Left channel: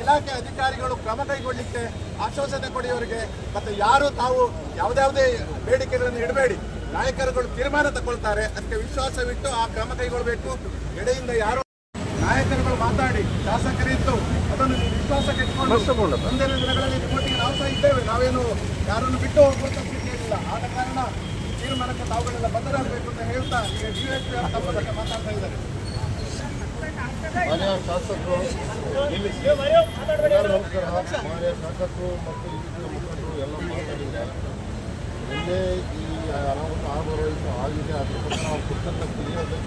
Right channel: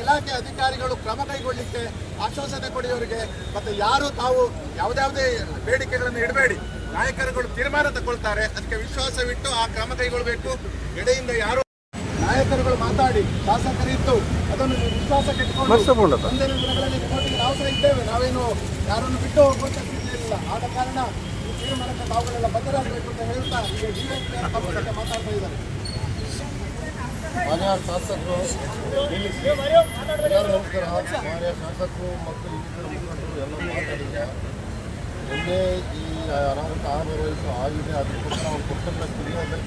ಇಲಾಖೆ ಅಧಿಕಾರಿಗಳು ಕ್ರಮ ಕೈಗೊಳ್ಳಿಕ್ಕೆ ಆಶ್ವಾಸನೆ ಕೊಡಿಯವರಿಗೆ ಮತ್ತೆ ಯಾರು ತಾವು ಯಾವ್ದಾವುದೇ ಬೇಡಿಕೆಗಳನ್ನು ಇಡಬೇಡಿ. ನಾಯಕರುಗಳು ತೀರ್ಮಾನ ತಗೊಳ್ತಾರೆ. ಅದಕ್ಕೆ ವಿಶ್ವಾಸವಿಟ್ಟು ಆ ಕ್ರಮ ಕೈಗೊಳ್ಳಬೇಕು ಎಡೆಯಿಂದ ಯಾರು ನಾಯಕರುಗಳು ಮಾತಾಡಿ ಶಾಸಕರಿದ್ದು ಅದನ್ನು ವಿಶ್ವಾಸಕ್ಕೆ ಇಟ್ಕೊಂಡು ಮುಂದಿನ ದಿನಗಳಲ್ಲಿ ಕೋಟಿಗೆ ನಾವು ಸಹ ಇದ್ದೇವೆ. ನಾವೇನು ಯಾರನ್ನು ಬಿಟ್ಟು ಹೋಗುವಂತ ಸ್ಥಿತಿಯಲ್ಲಿಲ್ಲ ಆದ ಕಾರಣ ಈ ತೀರ್ಮಾನಕ್ಕೆ ತಾವುಗಳೆಲ್ಲ ಬದಲಾಗಬೇಕು ಅಂತ ಹೇಳ್ತಾ ಈಗ ಡಿಎಸ್ಪಿ ಮಾತಾಡ್ತಾ ಇದ್ದಾರೆ. ಮಾನ್ಯ ಶಾಸಕರು ಇಲ್ಲಿ ನಮಸ್ಕಾರ. ಮಾನ್ಯ ಶಾಸಕರು ಮತ್ತು ಮುಖಂಡರು ಎಲ್ಲ ಮಾತಾಡಿದ್ದಾರೆ ನಿನ್ನೆ ಈ ಅನಾಹುತ ಆರು ವಯಸ್ಸು ಆಗಿದೆ ಅದಕ್ಕೋಸ್ಕರ ನಾವು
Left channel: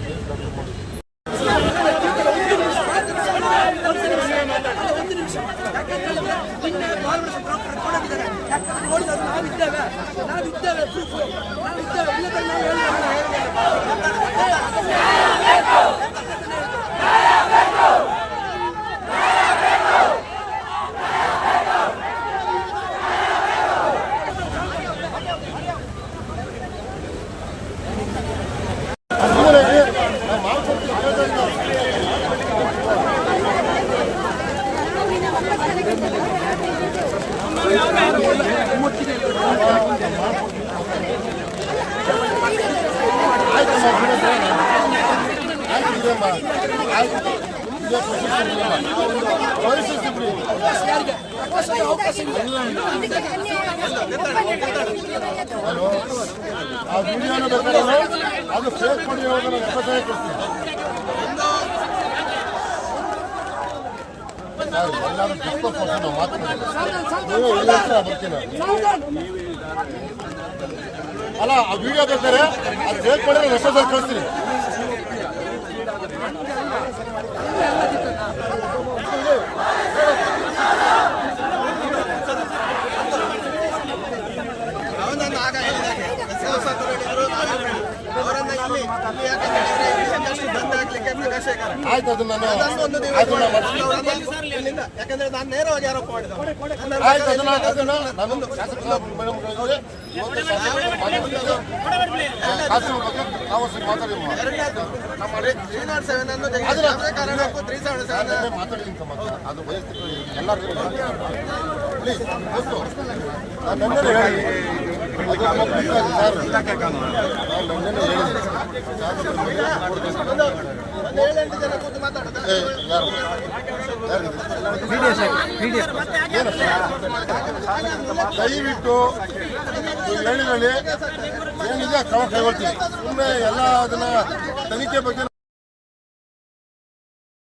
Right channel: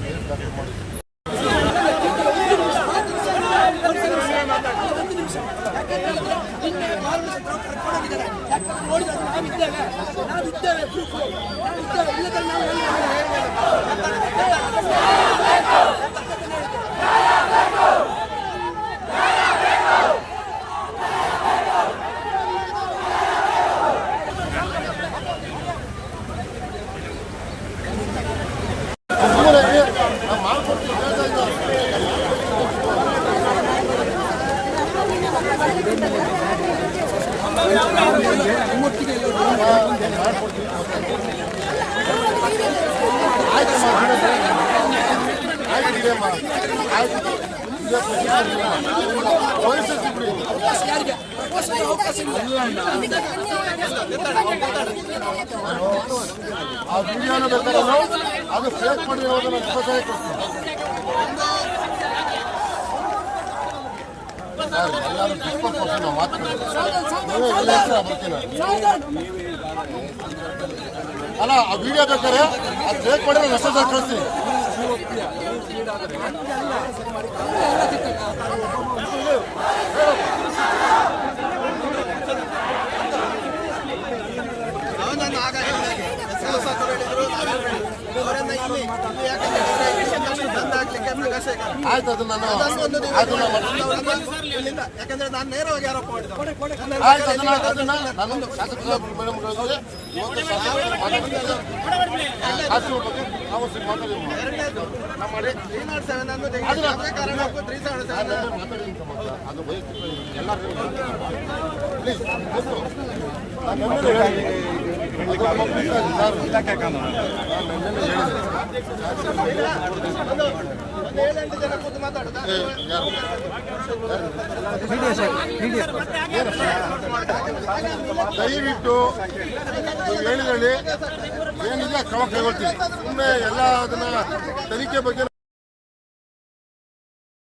ಕೇಸ್ ದಾಖಲು ಮಾಡಿದ್ದೀವಿ? ನಿನ್ನೆ ಮಾಲ್ಮಡಿ ಕರ್ಕೊಂಡೋಗಿದ್ದಾರೆ. ಯಾಕಂದ್ರೆ ನೋಡಿದ್ರೆ ನಾವಿದ್ದೇವೆ. ನಾವಿದ್ದೇವೆ ಪ್ರೂಫ್ ನಾವಿದ್ದೇವೆ. ಇಲ್ಲದ್ರೆ ನಾವು ಅದುವರೆಗೆ ನಾವು ಮಾಡ್ಕೊಡ್ತೀವಿ ಹೇಳ್ತಾ ಇದ್ದಾರೆ. ಆಯ್ತಮ್ಮ, ಬಿಡಮ್ಮ. ಆಯ್ತು ಬಿಡಮ್ಮ. ಆಯ್ತು. ಇದೇ ಪ್ರಶ್ನೆ ಬಿಡಮ್ಮ. ವಯಸ್ಸು ಬಿಡಿ. ನಾನು ಆ ವಿಡಿಯೋನ ಬೇಕಾದ್ರೆ ಅದು ಫೇಕ್ ಮಾಡಿ ಇಪ್ಪತ್ತೈದು ಕೊಡ್ತೀನಿ ಯಾರು ಎಲ್ಲರೂ ಎಲ್ಲ ಅಲ್ಲ ಆ ವಿಡಿಯೋ ಬೇಕಾದ್ರೆ ಅದು ಫೇಕ್ ಮಾಡಿದ್ರೆ ಹೊಸದಾಗಿ ಕಳಿಸ್ತೀನಿ ಮಾಡಿ. ಅವರನ್ನ ಇಲ್ಲಿಂದ ಯಾಕಂದ್ರೆ ನಾನು ನೇರವಾಗಿ ಆರೋಪ ಆಯ್ತು ಅದನ್ನ ಅದನ್ನ ನಾನು ನೇರವಾಗಿ ಮೇಡಮ್ಗಳಿಗೆ ಶಾಸಕರು ಬಗ್ಗೆ ನಮ್ಮ ನಾನು. ಅದು ಎಲ್ಲರಿಗೂ ಪ್ಲೀಸ್ ದಯವಿಟ್ಟು ಹೇಳಿದಲ್ಲಿ ಏನಿದೆ ಕ್ರಮ ಕೈಗೊಳ್ತೀವಿ ಸುಮ್ಮನೆ ಎಲ್ಲ ಅದನ್ನ ತನಿಖೆ ಬಗ್ಗೆ